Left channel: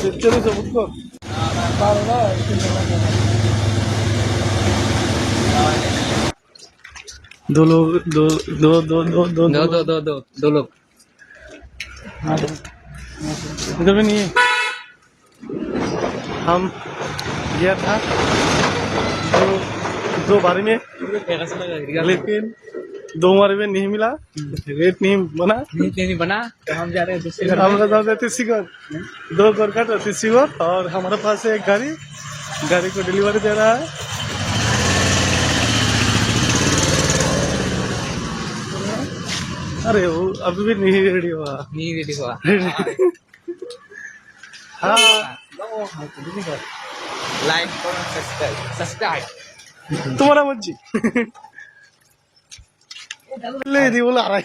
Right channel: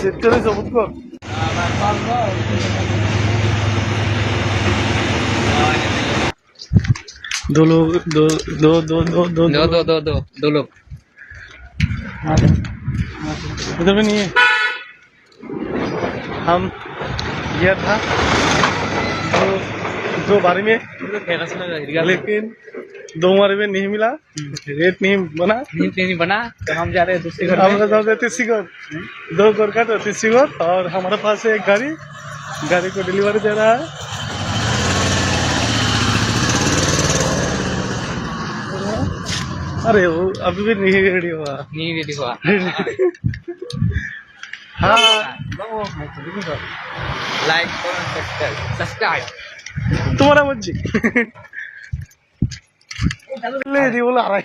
चले सबूत कर दो लोग दो दो दो दो दो दो दो दो दो दो लोग इधर भी नहीं है। हम गया था दो बारी में, लेकिन दो बारी में नहीं मिला, रेट नहीं बना। नहीं बना तो हम जा रहे हैं दूसरे घर हम में। जाते तीसीगढ़, 2 घर का तीसीगढ़, और हमारे पास है एक गाड़ी को डिलीवरी दे रहा है। अरे वो अभी भी नहीं रेडी हुआ। नहीं रेडी हुआ। हाँ लाइक करो सब्सक्राइब तुम्हारा मर्जी। नहीं बोला आ रहा है।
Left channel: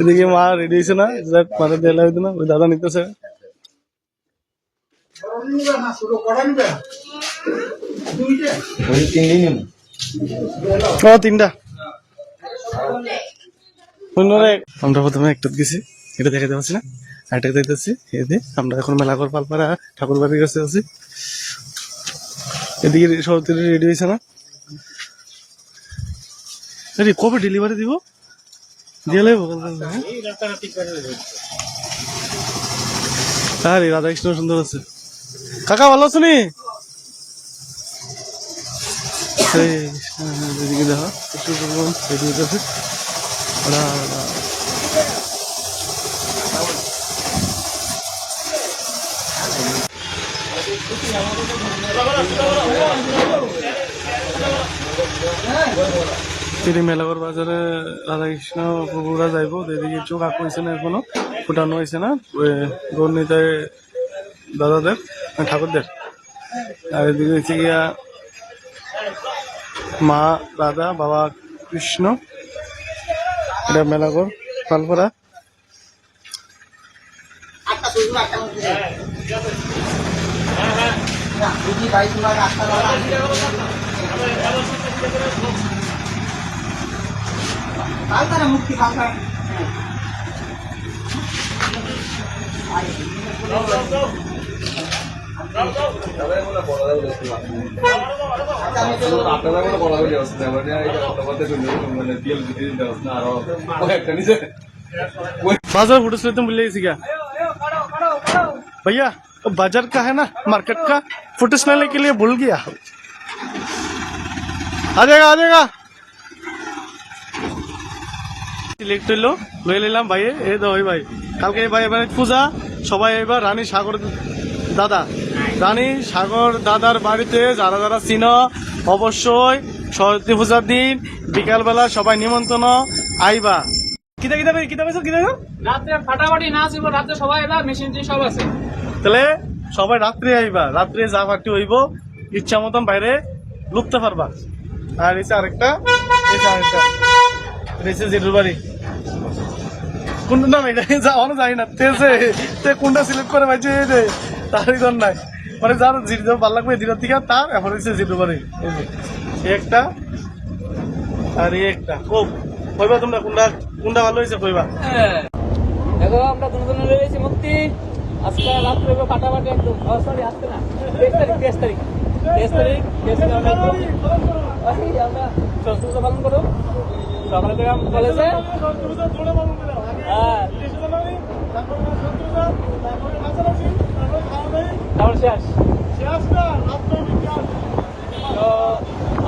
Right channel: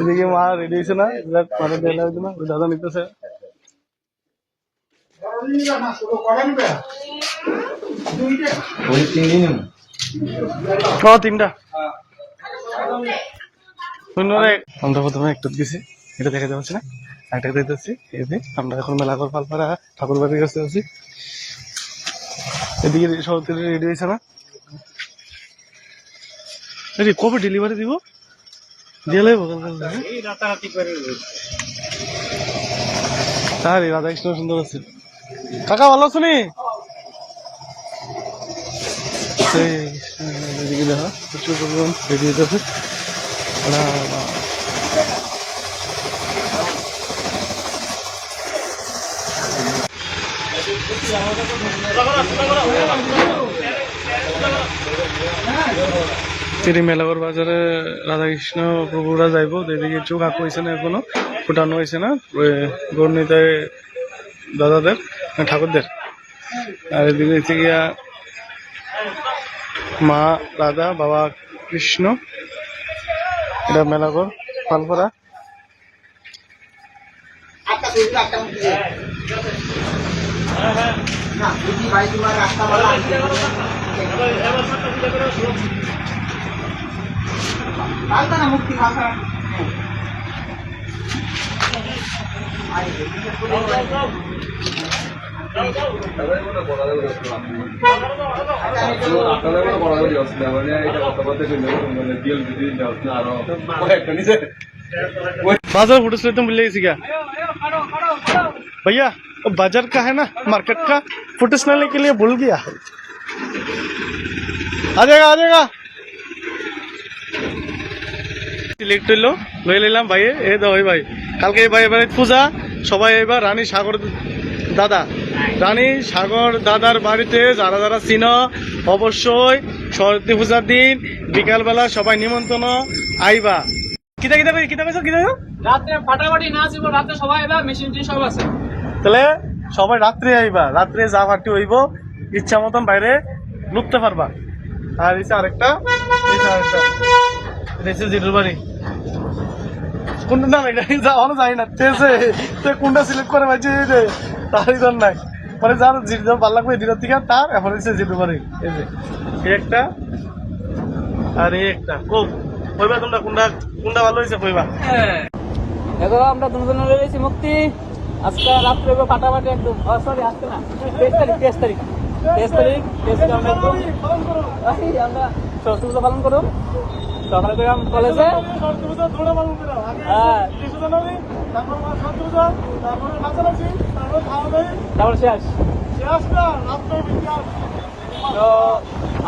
এদিকে মা রেডি হয়েছে না, মানে দেলা হইতো না, ওই দাদা নিতেছে। তিনটা আমরা প্রথমে একটা দিছি, এটা দেখাতে পারছি না, আরেকটা দেখতেছি। এদিকে আমরা এখন মেলাঘর পালপাড়া ঠাকুর বাড়ির কাছে আছি। এদিকে সরতি রেডি হয়েছে না, কবে ডেলিভারি দিব? আরে রাধা কৃষ্ণ সুন্দর আছে। কাকা ভালো আছো নি? এদিকে দেখা প্রচুর পরিমাণ রেডি হতে আছে। মেলাঘর বাজারে রাধাকৃষ্ণ প্রভুরা যাইব, এদিকে চোখ আঁকো হয়েছে না, এখনো ফুটানো হয়েছে না গৌরনীতে দাদাদের ঠাকুরদের। আর এদিকে হচ্ছে গিয়া মা রাধা বাবা কৃষ্ণ, এটা মেলাঘর পালপাড়া। মুক্তি बाजार फोटो से तुम मिल क्या भैया? बाजार का है ना, मार्केट का फोटो लेने के लिए भूल गया। आ जाएगा সিলেক্ট হইলো, লয়ে নিলাম ভাই। এই দাও ভাই, কালকে ভাই এবারে পূজা, সবাই এবার রানী সাগর দাদার বাড়িতে যারা যারা চিন, অবশ্যই সরস্বতী পূজার দিন বিকালবেলা সবাই নিমন্ত্রণ আইবা। কিতা রাতে ফাটাফাটি নাচ হইব, রাতে সবাই এবার মেশিন সব আছে, তাহলে সবাই রাত্রে আইবা। রাত্রে যা পার্টি হইব ইচ্ছা মতন বাইরে লুকতে পারবা। আর এই আরেকটা জিটুর বাড়ি কোনটা নাম, যাওয়ানো যায় না, কোনটা সিলেক্ট করে পাইছে তারই দর নাই, মানে যার জিটু ভালো লাগবে জিটার থেকে তার। এখন হচ্ছে জিটুর বাড়ি, এই যে একটা আর এই একটা। কইবা তোমরা কোনটা ভালো হয়েছে কইবা। দেখো আমরা দুজনে রয়েছি মুক্তি। আজকে রাত্রে ফাটাফাটি একদম, সরি আজকে না, 23 তারিখ আমরা সরস্বতী পূজা পালন করুন। সকালে গেলাম কলেজে,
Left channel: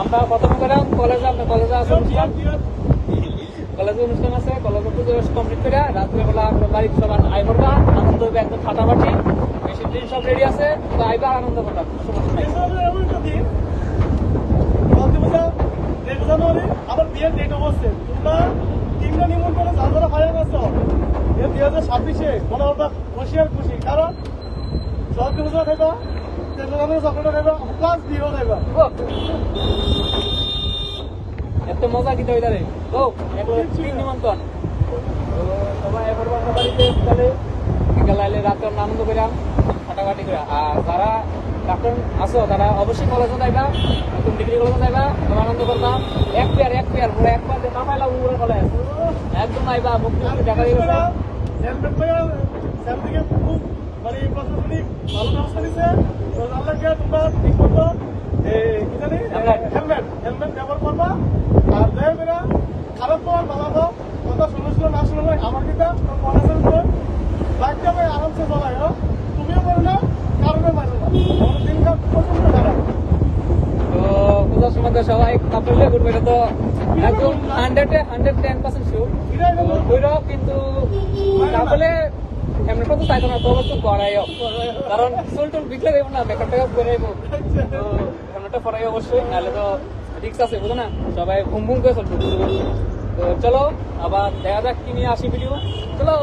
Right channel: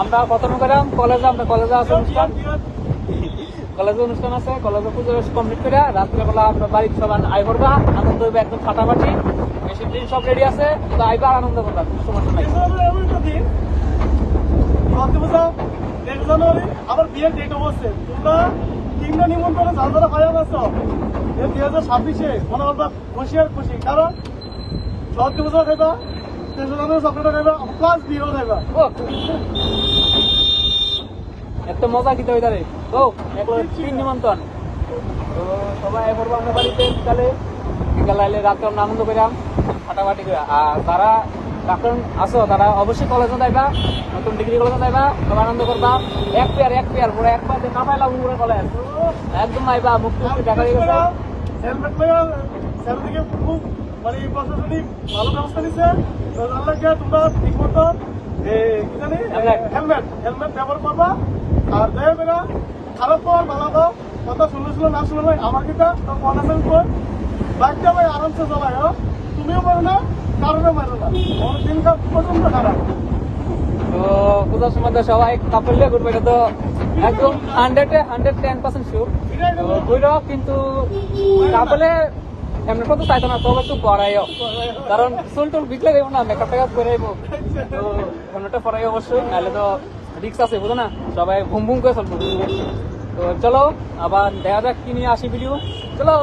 আমরা প্রথম করাম কলেজে। আমরা কলেজে আছে অনুষ্ঠান আছে, কলেজে পুজো কমপ্লিট করে রাত্রেবেলা আমরা বাড়ির সবাই আই করবা, আনন্দ হবে একদম ফাটাফাটি। মেশিন টেশিন সব রেডি আছে, তো আইবা আনন্দ করবা। জানুয়ারি আবার বিয়ের ডেট অবস্থে তোমরা 3টা নিমন্ত্রণ যারা ফায়ার আছো 2026-এ মনে হবা খুশি, কারণ সরস্বতী পূজা খাইবা, 3 জানুয়ারি চকলেট খাইবা, প্লাস বিয়েও খাইবা। এত মজা কি হয়ে দাঁড়ে ও 3 নিমন্ত্রণ। তো সবাই এবার আমরা বাড়িতে বিকালে আইলে রাত্রে আমরা আনন্দ করাম ফাটাফাটি করে। আর যারা ডাক্তার আছো তারা অবশ্যই কলেজে যাইবা, নতুন ডিগ্রি কলেজে যাইবা, সবাই আনন্দ করবা। এক পেয়ার পুরো একবার না পাইলাম পুরো কলেজ একদম আইবা। মুক্তি দেখা গেছে স্যার থেকে খুব মানে প্রশাসনিক ভালো ব্যবস্থা নিচ্ছে। তো আল্লাহ গিয়া তোমরা ঠিক মতো কি জানি হেলমেট ব্যবহার করবা। আর যাই বেরা খারাপ পাওয়ার ভালো পাও কথা শুনেছিল না শুনলে আমার কিতা তো মনে কর বাইকটা ভাই আরামসে চলাই। তুমিও পারো না, কারণে পারো না। আমার দিনকাল প্রচন্ড খারাপ। তো পূজার সময় তো সবাই কাপড় ঘুরবে, এটা তো একদম 110% শিওর। ভৈরব কিন্তু কাপড়ে এমনি তো চাইতো না, তো একটু করাইও, কারণ চুল টুল বিকলে দেবো না, মেকআপ টেকআপ করে দেবো, এমনিটা করাই অবশ্যই, নাহলে তো রিক্স আছে বুঝো না, সবাই ভুম ভুম করে চলবো। তো চলো আবার দেখা যাক কি নিয়ে আসি ভিডিও, চলো।